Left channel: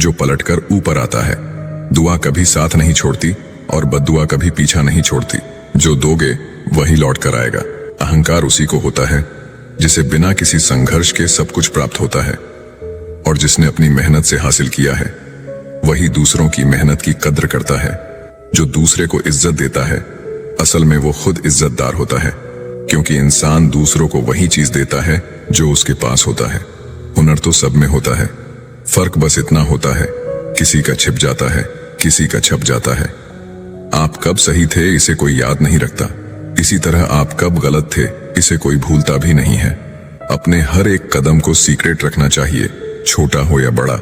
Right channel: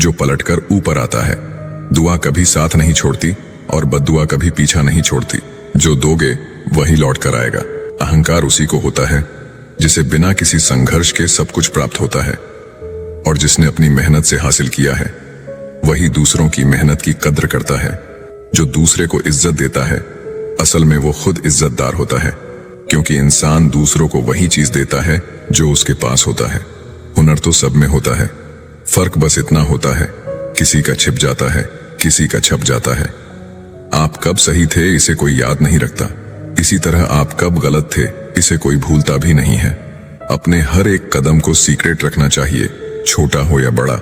जो पलटकर ऊपर आता है। दुआ कभी साथ नहीं छोड़ती और बद्दुआ कभी पीछा नहीं छोड़ती। जो दोगे वही लौट कर आएगा। अहंकार उसी को होता है जिसे बिना किसी संघर्ष के सब कुछ प्राप्त होता है, और जिसने अपनी मेहनत से हासिल किया है वही दूसरों की मेहनत की कद्र करता है। जो दूसरे को इज्जत देता है असल में वो खुद इज्जतदार होता है, क्योंकि इंसान दूसरों को वही चीज देता है जो उसके पास होता है। हुनर तो सब में होता है, फर्क बस इतना होता है किसी का छिप जाता है, किसी का छप जाता है। आप कब सही थे इसे कोई याद नहीं रखता, इसी तरह आप कब गलत थे इसे कोई भूलता भी नहीं है। अपने हर एक कदम को सीक्रेट रखना चाहिए, छोटा हो या बड़ा।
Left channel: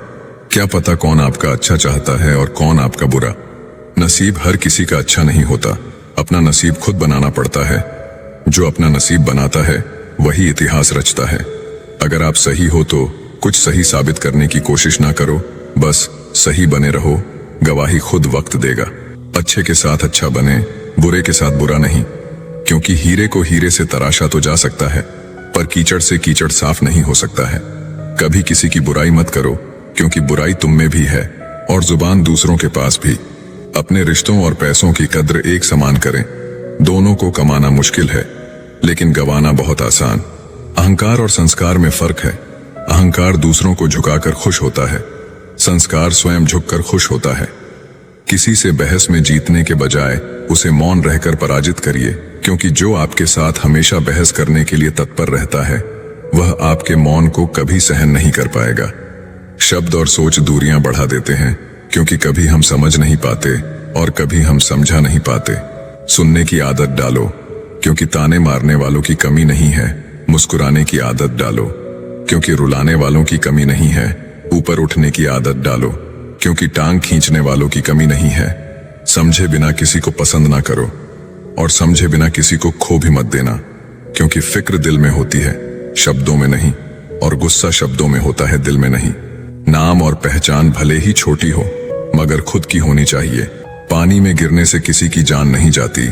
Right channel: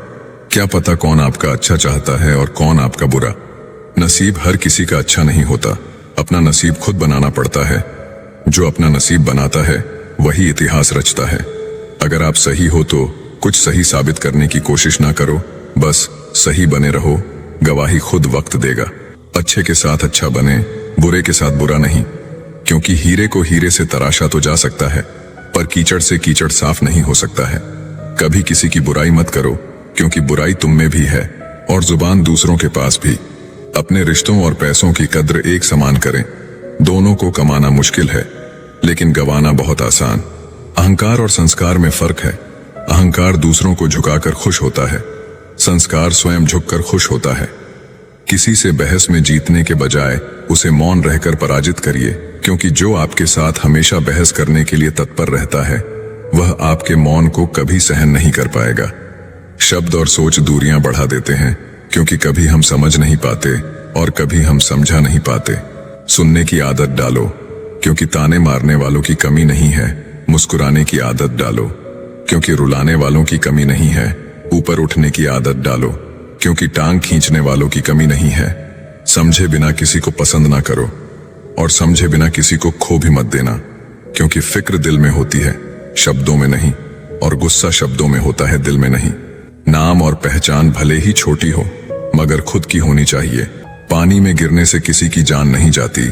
क्या पता कौन आपका अच्छा चाहता है और कौन आपका बुरा। नसीब हर किसी का अच्छा नहीं होता, अपना नसीब खुद बनाना पड़ता है। जो अपना नसीब बनाता है वही इतिहास रचता है। अगर आप सही हो तो कुछ सही साबित करने की कोशिश ना करो, बस सही बने रहो। गवाही खुद वक्त देगा। अच्छे के साथ अच्छा बने, बुरे के साथ बुरा नहीं, क्योंकि हीरे को हीरे से तराशा तो जा सकता है, पर कीचड़ से कीचड़ साफ नहीं हो सकता है। कभी किसी की बुराई मत करो, क्योंकि बुराई तुम में भी है और जुबान दूसरों के पास भी। अपने रिश्तों और पैसों की कद्र एक समान करें। दोनों को कमाना मुश्किल है, लेकिन गंवाना बहुत आसान। अहंकार और संस्कार में फर्क है। अहंकार दूसरों को झुकाकर खुश होता है, संस्कार स्वयं झुककर खुश होता है। किसी से बहस में जीतने के बजाय उसे मौन रहकर पराजित करिए, क्योंकि जो आपके साथ हमेशा बहस करने के लिए तत्पर रहता है वह आपके मौन को कभी सहन नहीं कर पाएगा। शब्द और सोच दूरियां बढ़ा देते हैं, क्योंकि कभी हम समझ नहीं पाते और कभी हम समझा नहीं पाते। सुनने की आदत डालो, क्योंकि ताने मारने वालों की कमी नहीं है। मुस्कुराने की आदत डालो, क्योंकि रुलाने वालों की कमी नहीं है। ऊपर उठने की आदत डालो, क्योंकि टांग खींचने वालों की कमी नहीं है। समझे बिना किसी को पसंद ना करो, और समझे बिना किसी को खो भी मत देना, क्योंकि फिक्र दिल में होती है, शब्दों में नहीं, और गुस्सा शब्दों में होता है, दिल में नहीं। नाम और पहचान भले ही छोटी हो, मगर खुद की होनी चाहिए। पानी में गिरने से किसी की जान नहीं जाती,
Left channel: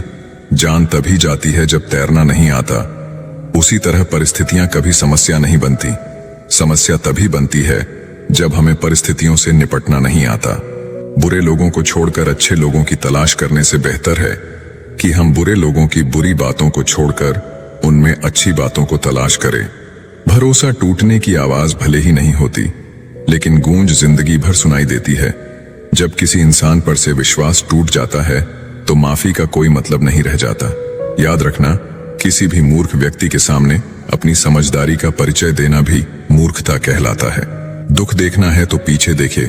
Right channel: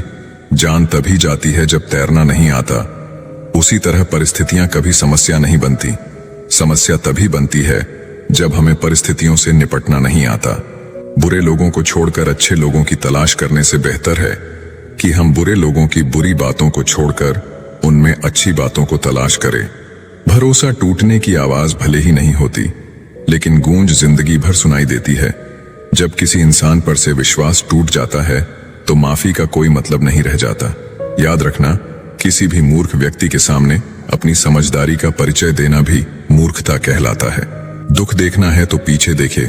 जान तभी जाती है जब तैरना नहीं आता। उसी तरह परिस्थितियां कभी समस्या नहीं बनती, समस्या तभी बनती है जब हमें परिस्थितियों से निपटना नहीं आता। बुरे लोगों को छोड़कर अच्छे लोगों की तलाश करने से बेहतर है कि हम बुरे लोगों की बुरी बातों को छोड़कर उनमें अच्छी बातों को तलाश करें। भरोसा टूटने की आवाज भले ही नहीं होती, लेकिन गूंज जिंदगी भर सुनाई देती है। जब किसी इंसान पर से विश्वास टूट जाता है तो माफी का कोई मतलब नहीं रह जाता। याद रखना, किसी भी मूर्ख व्यक्ति के सामने अपनी समझदारी का परिचय देना भी मूर्खता कहलाता है। दुख देखना है तो पीछे देखे,